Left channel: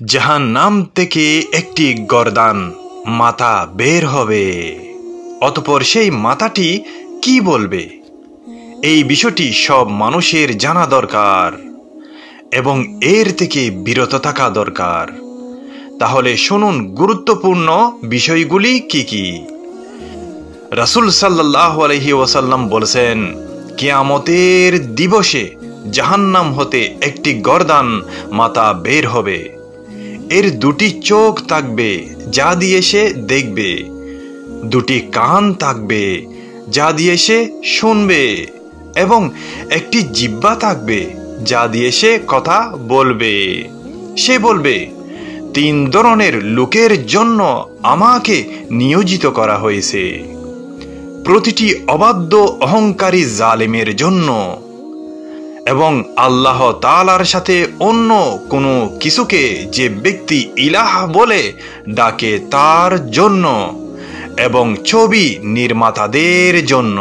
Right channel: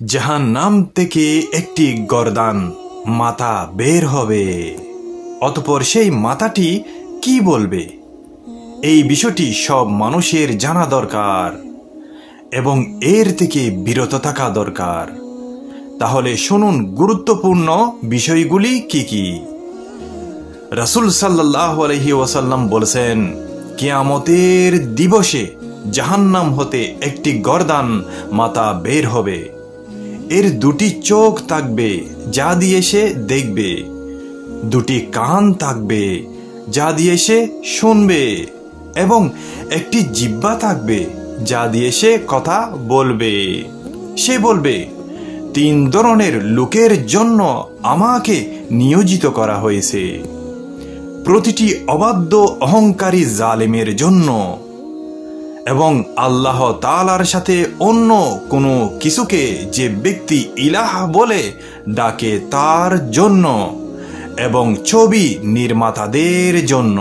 জাহান্নাম থেকে একটি গর্দান মাথা বের হবে, অতঃপর সেই মাথাটি কি বলবে এই বিষয়টি সব মানুষের জানা দরকার এবং এর থেকে বিরত থাকা দরকার। তাহলে শুনুন গুরুত্বপূর্ণ বিষয়গুলি কি কি। রাসূল সাল্লাল্লাহু আলাইহি ওয়াসাল্লাম বলেছেন, কিয়ামতের দিবসে জাহান্নাম হতে একটি গর্দান মাথা বের হবে। এর দুটি চোখ থাকবে যা দিয়ে সে দেখবে, দুটি কান থাকবে যা দিয়ে সে শুনবে এবং একটি জিহ্বা থাকবে যা দিয়ে সে কথা বলবে। সে বলবে, 3 ধরনের লোকের জন্য আমাকে নিয়োজিত করা হয়েছে। প্রতিটি অবাধ্য অহংকারী জালেমের জন্য এবং আল্লাহ তাআলার সাথে অন্য কোনো কিছুকে যে ব্যক্তি ইলাহ বলে ডাকে তার জন্য এবং ছবি নির্মাতাদের জন্য।